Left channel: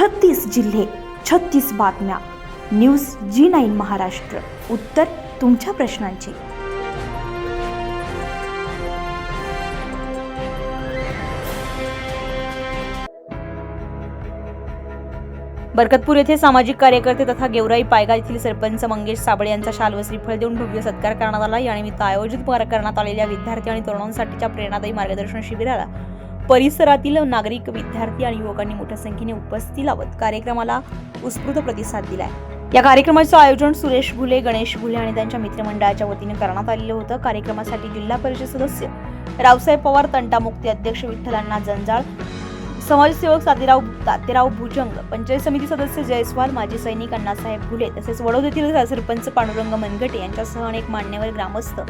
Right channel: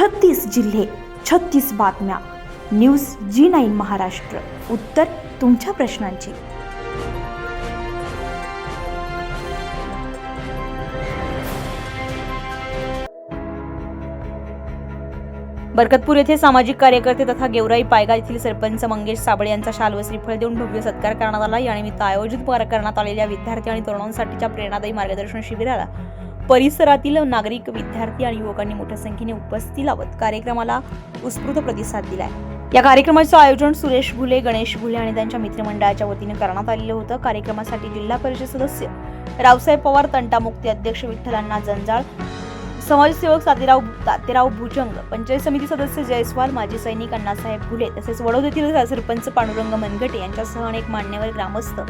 36 जिल्हे, 36 बातम्या. News G9 Maharashtra. उत्तर तुमच्या प्रश्नांची. बरकतपूर येथे सामाजिक कार्यकर्ते तथा गेवराई पायगा येथील सरपंच मंगेश साबळे यांचा शाल व श्रीफळ देऊन भव्य सत्कार करण्यात आला. यानिमित्त आयोजित करण्यात आलेल्या विद्यार्थी आणि तरुणांसाठीच्या प्रेरणादायी मार्गदर्शन शिबिराला परिसरातील नागरिक, विद्यार्थी आणि युवकांनी मोठ्या संख्येने उपस्थिती लावत कार्यक्रमाला उत्स्फूर्त प्रतिसाद दिलाय. या कार्यक्रमाचे आयोजन सुरेश घुले, गणेश घुले आणि त्यांच्या मित्रमंडळाच्या वतीने करण्यात आलेलं होतं. कार्यक्रमासाठी जिल्हा परिषद सदस्य रावसाहेब पवार, तंटामुक्ती अध्यक्ष विठ्ठलांना जंजाळ, समाजसेवक तातेराव भुजंग, पंचायत समिती सदस्य जयस्वाल, माजी सैनिक अण्णासाहेब घुले तसेच वडोद येथील सरपंच पांडुरंग मनगटे यांच्यासह अनेक मान्यवर, ग्रामस्थ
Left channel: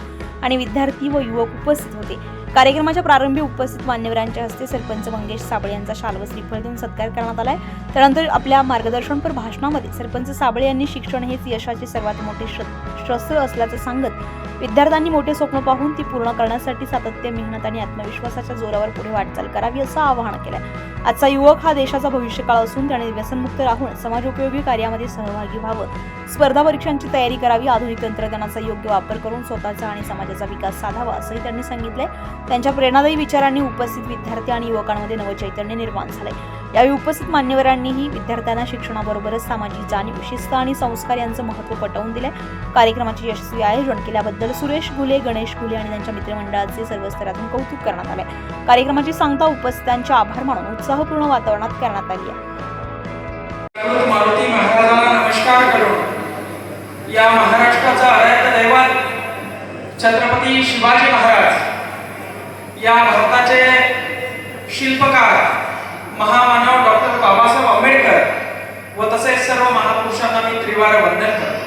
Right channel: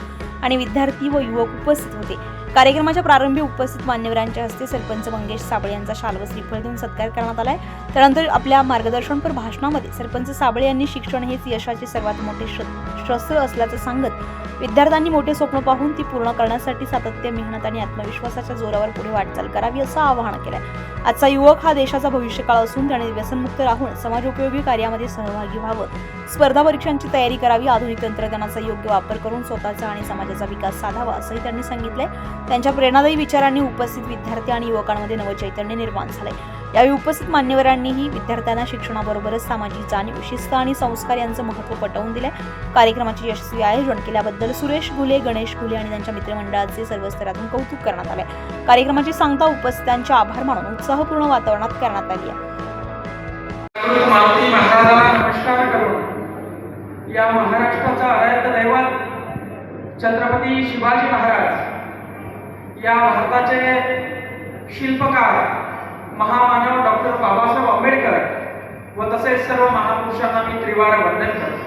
आणि विद्यार्थी व युवक उपस्थित होते. कार्यक्रमाच्या प्रारंभी उपस्थित मान्यवरांच्या हस्ते सरपंच मंगेश साबळे यांचा शाल व श्रीफळ देऊन सत्कार करण्यात आलाय. त्यानंतर आपल्या मार्गदर्शनपर भाषणामध्ये सरपंच साबळे यांनी शिक्षण हेच यशाचे सर्वात मोठे शस्त्र असल्याचं सांगत विद्यार्थ्यांनी मोठे स्वप्न पाहून ती पूर्ण करण्यासाठी सातत्य, मेहनत आणि आत्मविश्वासाच्या जोरावर पुढे वाटचाल करावी असं आवाहन केलंय. आजचा युवक हा देशाचा भविष्यकाळ असून त्याने व्यसनमुक्त राहून समाजोपयोगी कार्यामध्ये सहभागी व्हावं, स्पर्धा परीक्षांची तयारी करावी, आधुनिक तंत्रज्ञानाचा योग्य वापर करून स्वतःचा आणि समाजाचा विकास साधावा असंही त्यांनी सांगितलंय. त्यांच्या प्रेरणादायी विचारांनी उपस्थित विद्यार्थी आणि युवकांमध्ये नवचैतन्य निर्माण झालंय. यावेळी उपस्थित मान्यवरांनीही विद्यार्थ्यांना शिक्षणाबरोबरच सामाजिक जाणीव, शिस्त आणि संस्कार यांचं महत्त्व पटवून दिलंय. कार्यक्रमाचे यशस्वी आयोजन केल्याबद्दल सुरेश घुले, गणेश घुले आणि त्यांच्या मित्रमंडळाचे सर्व स्तरातून कौतुक करण्यात आले. कार्यक्रमाची सांगता उपस्थितांचे आभार मानून उत्साहपूर्ण वातावरणात करण्यात आली आहे. मारुती महाराजांना नमस्कार करून या महाराष्ट्राचा आराध्य दैवत छत्रपती शिवाजी महाराज, या भारताचे शिल्पकार महामानव डॉक्टर बाबासाहेब आंबेडकर व तसेच सर्व महापुरुषांना मी त्रिवार वंदन करतो.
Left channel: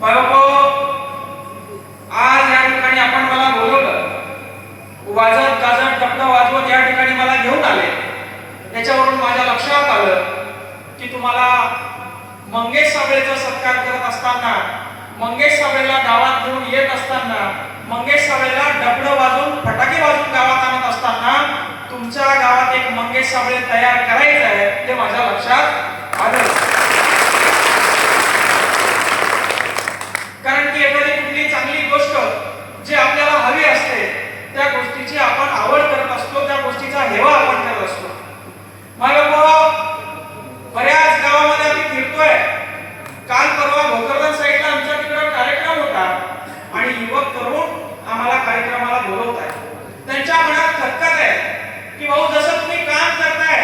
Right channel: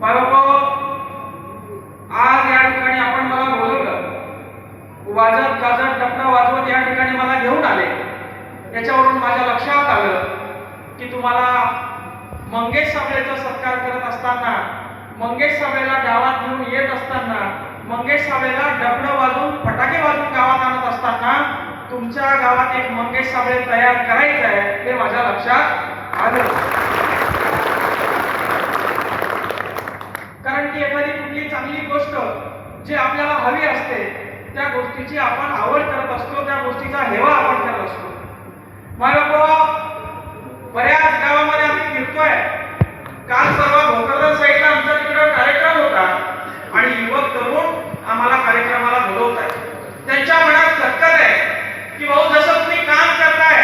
बाबांनो, आज या ठिकाणी आपण मला बोलवलं, वाजत गाजत डबडा वाजवत या ठिकाणी मला घेऊन आले. याच्यावरून माझ्या लक्षात आलं की तुम्हाला मंगेश साबळेचा सत्कार करत असताना, मंगेश साबळेला गावात घेऊन येत असताना, मंगेश साबळेला डबडं वाजवून फटाके वाजवून गावात आणत असताना तुमच्या गावात एक मंगेश साबळे तयार करायचं आहे हे माझ्या लक्षात आलं. कारण की एखादी कुठली चांगली गोष्ट जी आपल्याला हवी असते त्या गोष्टीची आपण आवड करत असतो, त्या गोष्टीचा हेवा आपण करत असतो. बऱ्याच गावामध्ये आम्ही फिरतोय. काल परवा भोकरदन साईडला आमच्या तिकडे कार्यक्रम होता आणि युवक तरुण आम्हाला कार्यक्रमाला बोलवत आहेत. त्यांच्या मनात खटकत आहे की भाऊ, जसं तुम्ही काम करताय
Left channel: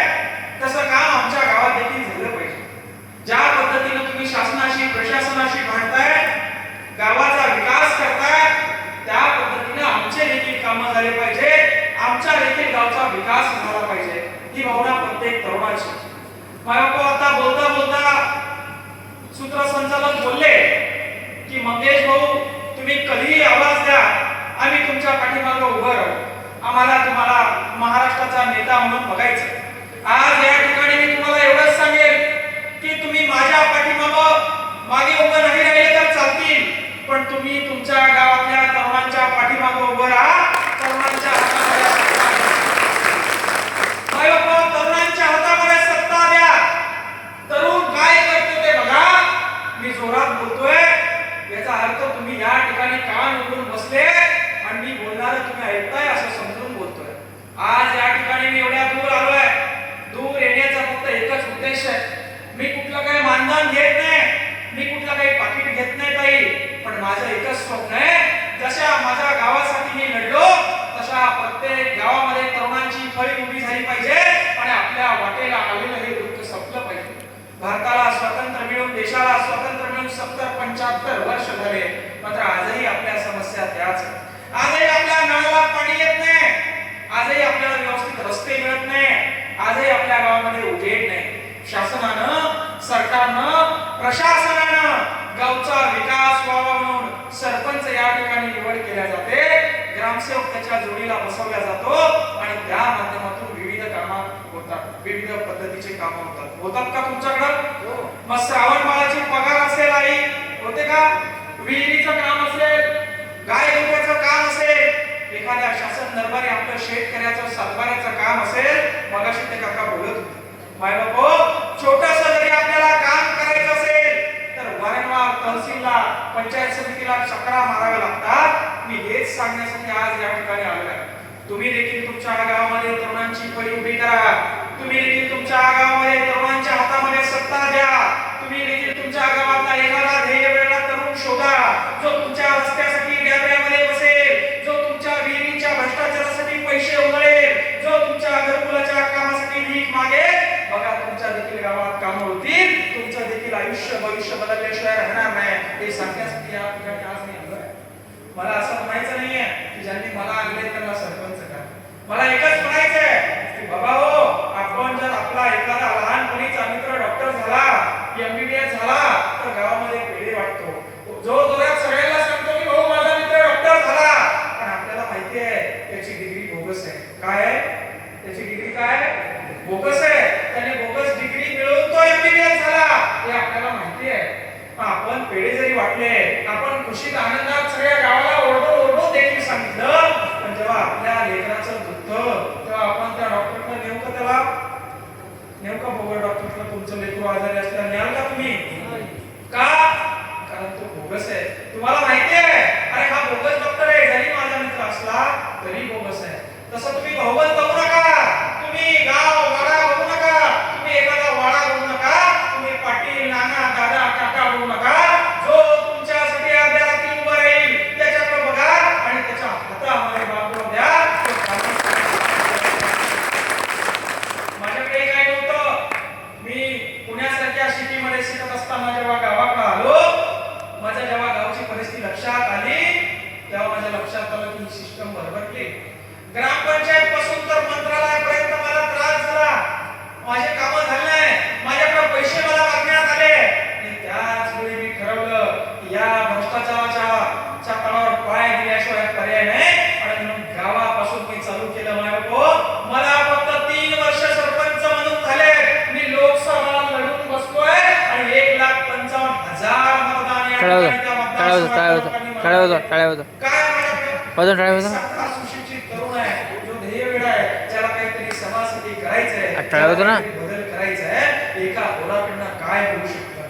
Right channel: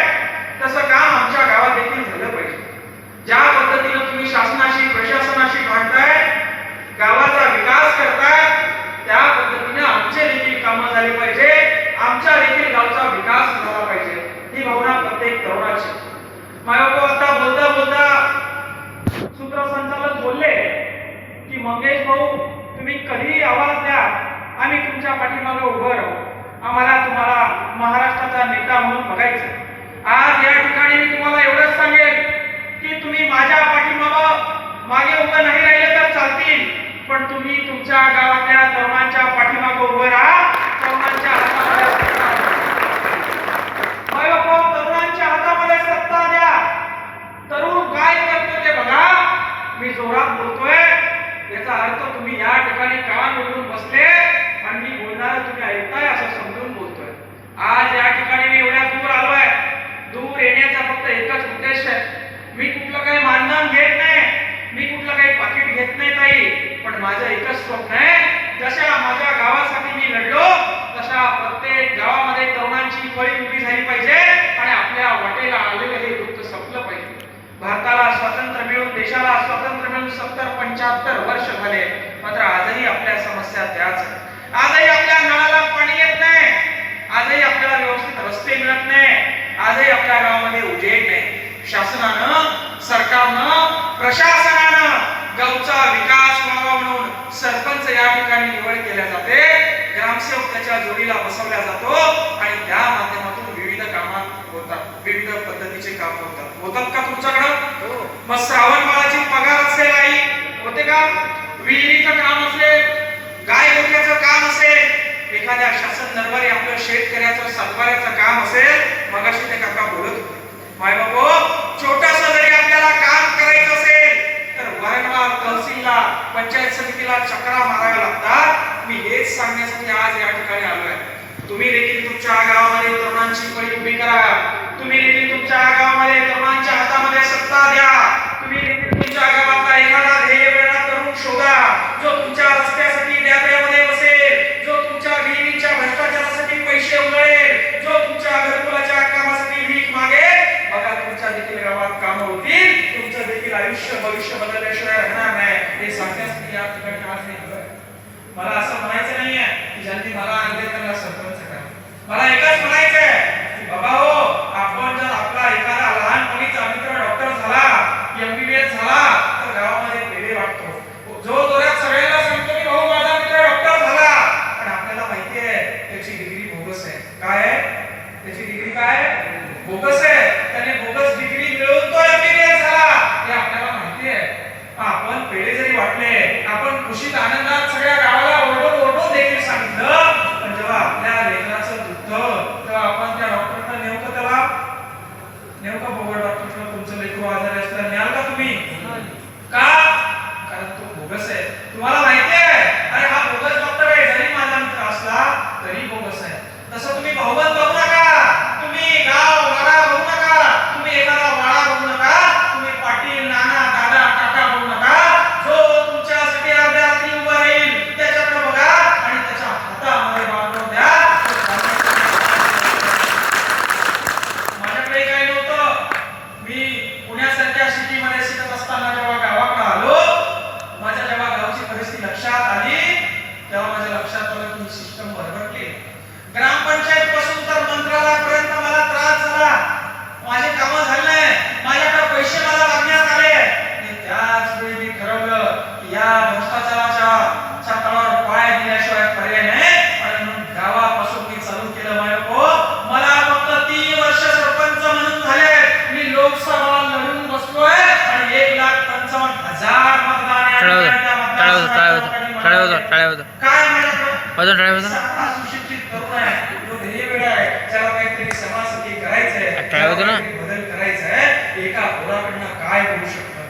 तसं काम आमच्या गावात देखील झालं पाहिजे. ज्या पद्धतीने तुम्ही शासनाशी, प्रशासनाशी भांडताय, गावाचा विकास करताय, त्या पद्धतीने आमचे देखील कामं झाले पाहिजे, आमच्या देखील गावचा विकास झाला पाहिजे, ही भावना प्रत्येक तरुणाची. आता बोलता बोलता सूत्रसंचालक बोलले की मंगेश भाऊ, तुम्ही कधीही आवाज द्या, आम्ही तुमच्या पाठीमागे उभं राहू, आम्हाला तुम्हाला महाराष्ट्राचा नेता म्हणून बघायचं. आज या ठिकाणी मी तुम्हाला एवढंच सांगेन की तुम्ही माझ्या मागे उभं नाही राहिले तर चालतील, पण तुम्ही तुमच्या गावातल्या तरुणांच्या पाठीमागे उभं राहा. तरुणांच्या हातामध्ये तरुणांच्या हातामध्ये सत्ता द्या. तरुण काय करतो ते बघा. मी जोरात बोलतोय याचा अर्थ तुम्ही या ठिकाणी कान उघडून बसले आणि मी बोलणार तुम्ही ऐकताय असं समजून बोलतोय. आज या ठिकाणी मी एवढ्या दूर आलोय. दूर येण्याचा फक्त एकच उद्देश आहे. मी कुठलं काही मानधन घेत नाही, मी कुठलं काही पाकिट घेत नाही ताई, पण माझं एकच स्वप्न आहे, जशा माझ्या गावासाठी मी लढलो तशा प्रत्येक गावामध्ये तरुणांची फळी उभी झाली पाहिजे आणि आपल्या वाटेला आलेलं हे दुःख संपलं पाहिजे. भारताला स्वातंत्र्य मिळून, देशाला स्वातंत्र्य मिळून 70-75 वर्ष झाले, मात्र आजही आपल्या समस्या त्याच आहेत. आजही आपल्या नळाला पाणी येत नाही, आजही आपल्याला व्यवस्थित रस्ते मिळत नाही, आजही आपल्या गावामध्ये उजेड नाही. शासनानं, सरकारनं, प्रशासनानं गावचा विकास व्हावा म्हणून सरपंच या ठिकाणी निवड केल्या जाते, ग्रामसेवक त्याच्या जोडीला बसवला जातो आणि त्या माध्यमातून विविध कामं होतात, विविध पद्धतीचे काम होतात का तुमच्याकडं? मग श्रावण माळाची पगार असेल आई होते का? विहिरीचं काम असेल, गाय गोठ्याचं काम असेल, एखाद्या शासन दरबारी आपलं शेतकऱ्याचं सातबाऱ्याचं काम असेल, मगाशी ते काका बोलत होते. माय बापो, पंचायत समितीला चक्रा माराव्या लागतात. मी हेच सांगण्यासाठी आज या ठिकाणी आलोय. तुम्ही देखील तुमच्या गावामध्ये तरुणांची फळी उभी करा. तुम्ही देखील तुमच्या गावामध्ये तरुणांच्या हातामध्ये सत्ता द्या. तुम्ही देखील तुमच्या गावातला एखादा ध्येय वेगळा तरुण शोधा, जो तुमच्या रस्त्यासाठी डॅबऱ्यामध्ये बसेल, जो तुमच्या विहिरींच्या भ्रष्टाचारासाठी पैसे उधळेल, जो तुमच्या घरकुलाच्या कामासाठी भीक मागेल. बघा, तुमच्या देखील गावात कामं होतील, तुमचं देखील आयुष्य भविष्य बदलल्याशिवाय राहणार नाही. हे सांगण्यासाठी या ठिकाणी आज नाही आलोय. मला असं म्हणायचं नाहीये की ज्यांनी मला आणले त्यांना सरपंच करा. मला एकच म्हणायचंय की बाबा हो, आपण जर आपला एखादा लहानपणीचा मित्र डॉक्टर झाला, MBBS झाला, तर गावामध्ये पेढे वाटतो. जो जोरात सगळ्यांना सांगतो की भाऊ माझा मित्र डॉक्टर झाला, पण आपल्याला माहिती आहे त्याची डिग्री बोगस आहे. काय आहे त्याची डिग्री? काय बोगस आहे. त्याने बोगस डिग्री मिळवून तो MBBS झाला हे आपल्याला माहिती आहे. आपण पेढे जरी वाटले, आपण खुशीत आनंदात सगळ्या गावाला ओरडून देखील सांगितलं, पण जेव्हा आपल्या लेकराचं दुखतं तेव्हा आपण त्या डॉक्टरला नेमकं बघा, डॉक्टरला तुमचं लेकरू आजारी असल्यास न्याल का तुम्ही? का? कारण तो बोगस आहे. तुम्हाला माहिती आहे अरे हा बोगस डॉक्टर आहे, जरी माझा मित्र असला तरी बोगस आहे. तसं तुम्ही बहुमत बघू नका, तुम्ही गाव वाडा बघू नका, तुम्ही एखादा वाडा बघू नका, तुम्ही पाटील नाना दादा काका बघू नका. जो तुमच्यासाठी अर्ध्या रात्री उभा राहील त्याच्याकडे बघा आणि त्याच्या हातामध्ये बांधून द्या. माझ्याकडे काही नव्हतं. मी पुण्यासारख्या सिटीमध्ये शिकत असताना जेव्हा गावाकडे आलो, माझ्या जेव्हा गावची परिस्थिती लक्षात आली तेव्हा माझ्या लक्षात आलं की सिस्टम बरोबर केली. ग्रामपंचायत पासून तर मंत्रालयापर्यंत मला त्रास झाला, माझे काम झाले नाही, माझ्याकडे पैसे मला मागण्यात आले. आणि त्याच वेळी मी ठरवलं की या भ्रष्टाचाराच्या तळावर पाय दिल्याशिवाय पर्याय नाही. आणि म्हणून गावापासून मी चालू केलं. मला फक्त 3 वर्ष सरपंच म्हणून झाले. मी लोकसभा लढून बसलोय आणि 1,55,000 मतदान सुशिक्षित तरुण आहे, जो ध्येयवेळ आहे, ज्याला काहीतरी समाजासाठी करायचंय, बदल करायचा आहे. एका पोराकडनं काय करू शकतं?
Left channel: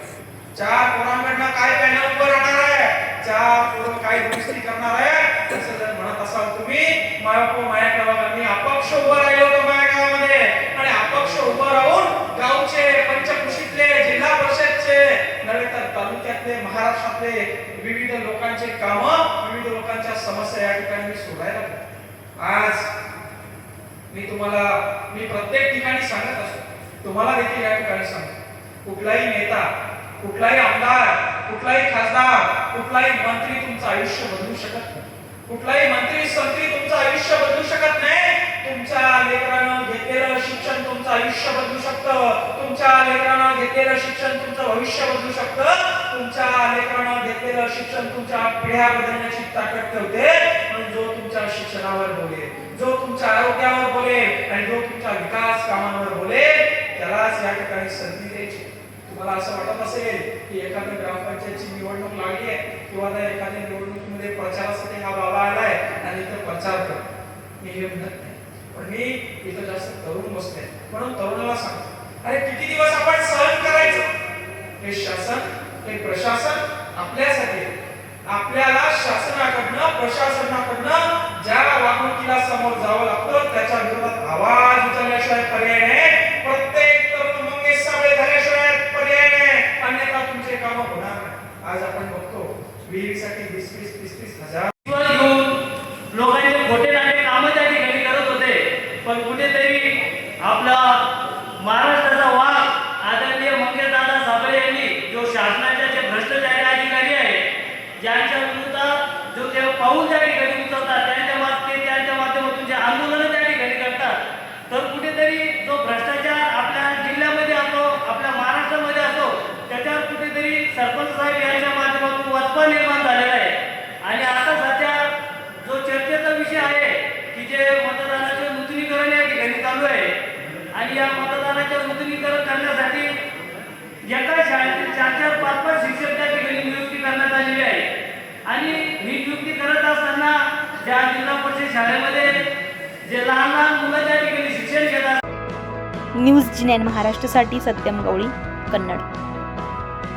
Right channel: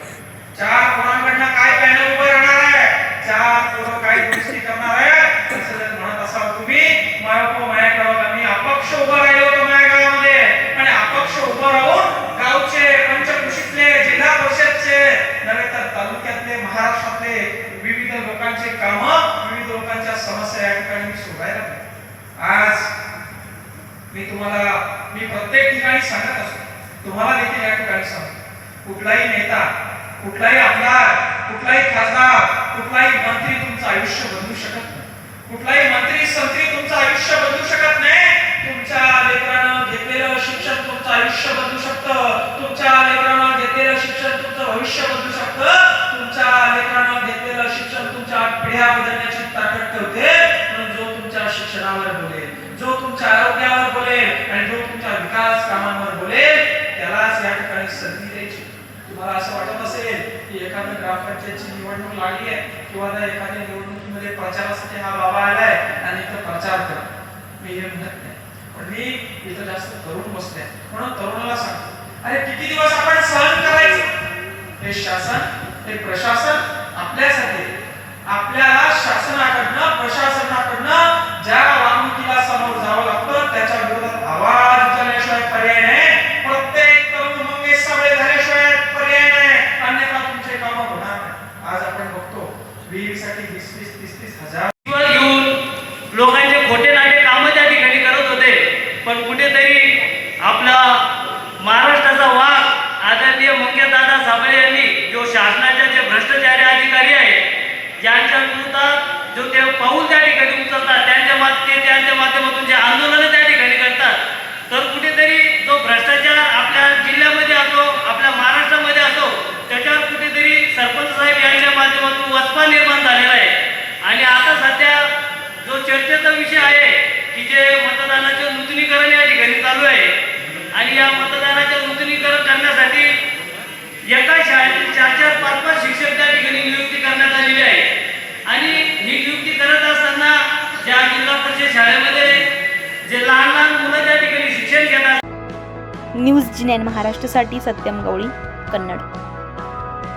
4 पोरांकडनं काय पॅनल उभं राहणार आहे? 4 पोरं काय दुरुस्ती करणार आहे? असं जर म्हणत असाल तुम्ही, माझ्याकडे बघा, मी अपक्ष उभं राहिलो होतो माझ्या गावामध्ये. आणि अपक्ष उभं राहून गावचे, पंचकृषीतले, जिल्हा परिषदचे नव्हे तर तालुक्यातले, महाराष्ट्रातले विविध लोकांचे काम, विविध लोकांच्या समस्या या ठिकाणी मी सोडायला लागलो. आज मी प्रत्येक ठिकाणी सांगत असतो, तुम्हाला देखील या ठिकाणी सांगतो, कुठलाही नेता, कुठलाही आमदार, कुठलाही खासदार, कुठलाही मंत्री तुमचं आयुष्य बदलू शकत नाही. कुठलाही मंत्री संत्री तुमचं आयुष्य बदलू शकत नाही. तुमच्या लेकरानं घेतलेलं शिक्षण तुमचं आयुष्य बदलू शकतं. तुमच्या लेकरानं घेतलेलं शिक्षण तुमचं भविष्य बदलू शकतं. तुमच्या लेकरानं घेतलेलं शिक्षण तुमच्या पिढ्या बदलण्याची ताकद ठेवते. म्हणून जो तुमच्या शिक्षणावर बोलेल, जो तुमच्या आरोग्यावर बोलेल आणि जो तुमच्या विकास कामांवर बोलेल त्यालाच या ठिकाणी संधी द्यायची. तुम्हाला असं वाटत असेल की एखादी ग्रामपंचायतची निवडणूक लागली आहे किंवा एखाद्या निवडणुकीमध्ये प्रचारासाठी हा बाबा आलाय आणि इथं प्रचार कर, मी हे म्हणत नाही. पण मी इथं जास्त तरुण बसले म्हणून तरुणाला सांगतो, अरे किती दिवस आपण सहन करायचं? हे शासन, हे प्रशासन आपल्यासाठी, आपल्याला शासनाकडनं, प्रशासनाकडनं ज्या वागणुकीला समोर जावं लागतं त्याच्या विरोधात आवाज उचलल्याशिवाय पर्याय नाही. प्रत्येक तरुण मंगेश साबळे झाल्याशिवाय पर्याय नाही, अन्यथा तुमचे काम होणार नाही. आज आपण बघतो विहिरीसाठी 20-30 हजार घेऊन लोकांचे खोटे नाटे कामं त्या ठिकाणी करत होते. पण कुठेतरी आपला महाराष्ट्राचा वाघ आदरणीय मंगेशदादा साबळे यांनी, जो शासनाचे जे भ्रष्टाचारी अधिकारी आहेत, ज्यांच्या विरोधात जो ते पाऊल त्या ठिकाणी उचलतात, त्यांच्या माध्यमातून जे आंदोलन त्या ठिकाणी करतात, तर कुठेतरी जो भ्रष्टाचार आपल्या जिल्ह्यामध्ये असो, आपल्या महाराष्ट्रामध्ये असो, त्याच्यावर कुठेतरी सरपंच साहेब यांच्या माध्यमातून वचपा निर्माण झालेला आहे. आणि आता सध्या जो चर्चेचा विषय आहे की जे मतदानाचं नूतनीकरण या ठिकाणी चालू आहे, आणि या मतदानाचं नूतनीकरण करण्यासाठी एका शाळेतील 4-5 शिक्षक त्या ठिकाणी नियुक्ती करण्यात आलेली आहे. आणि ही नियुक्ती करत असताना ज्या जिल्हा परिषद शाळेमध्ये जे लहान मुलं त्या ठिकाणी शिक्षण घेतात. न्यूज 9 महाराष्ट्रासाठी सत्यम गवळी, कन्नड.